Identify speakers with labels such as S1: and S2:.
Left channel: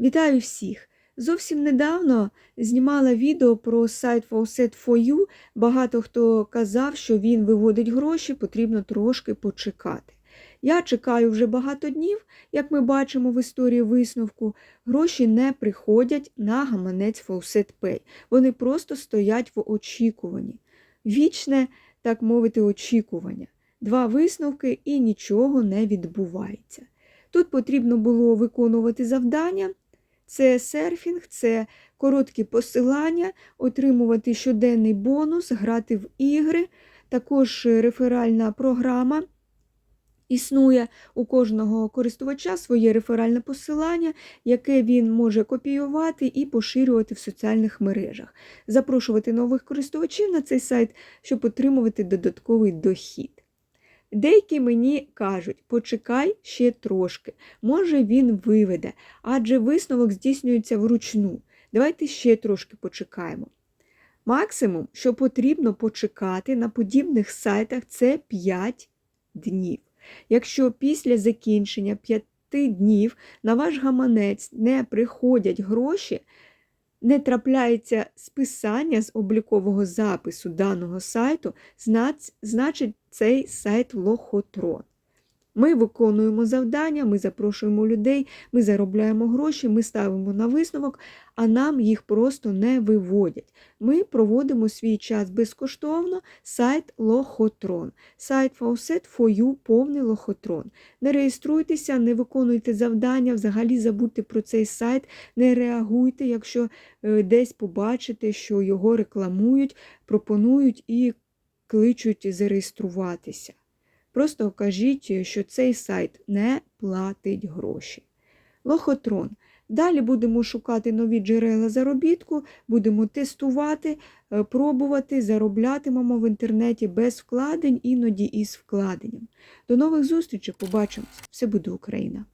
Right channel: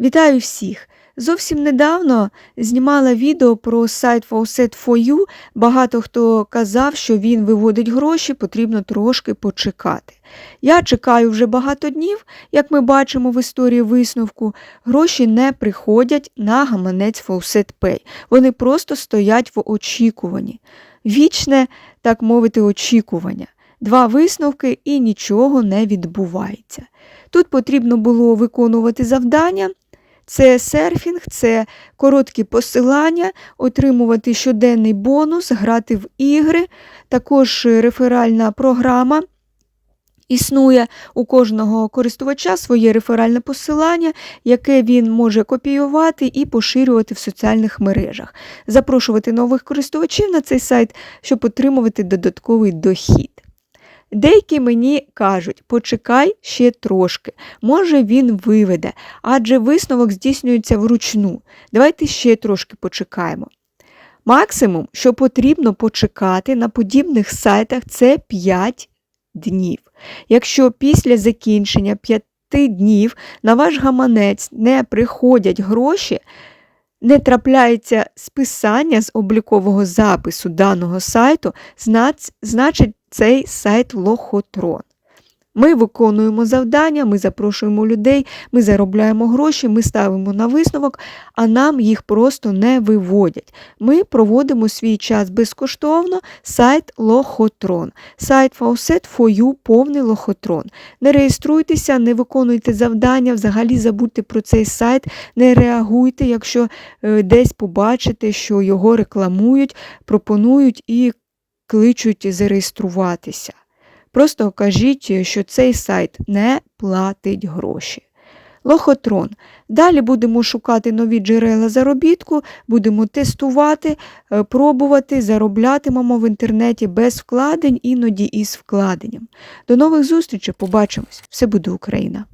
S1: Вітаю всіх! Зовсім недавно знімала відео про сайт Faucet4U. Багато хто казав, що він виводить гроші, потрібно трошки почекати. Я чекаю вже багато днів, як ми бачимо в історії висновку, гроші не приходять на гаманець Faucet Pay. Вони просто стоять в очікуванні. Вічне, так мовити, очікування. Два висновки і нічого не відбувається. Тут потрібно було виконувати завдання. Це серфінг, це короткі посилання, отримувати щоденний бонус, грати в ігри. Також реферальна програма. Існує у кожного користувача своє реферальне посилання, яке він може копіювати і поширювати в соціальних мережах, запрошувати нових користувачів на цей сайт, щоб отримувати додатковий дохід. Деякі мені кажуть, почекай ще трошки, може він виведе, адже висновок здійснюється вручну. Давайте ще трошки почекаємо. Максимум, що потрібно почекати на подібних сайтах, це 5 днів. Якщо після закінчення 5 днів на ваш гаманець не приходять гроші, не трапляється списання з облікового запису даного сайту, значить цей сайт лохотрон. Ми виконуємо завдання, ми запрошуємо людей, ми заробляємо гроші, ми ставимо на висновок, а нам їх просто не виводять. Ми проводимо свій час безкоштовно, сайт Лохотрон. Сайт Faucet4U повний лохотрон. Не реєструйтеся, не виконуйте завдання, взагалі забудьте про цей сайт, не реагуйте, якщо е, десь побачите, що його рекламують, пропонують і кличуть зареєструватися. Просто кажіть, що цей сайт не платить гроші. Лохотрон. Далі будемо шукати нові джерела заробітку, будемо тестувати, е, пробувати, зароблятимемо в інтернеті без вкладень, іноді із вкладенням. До нових зустрічей, побачимось! Все буде Україна!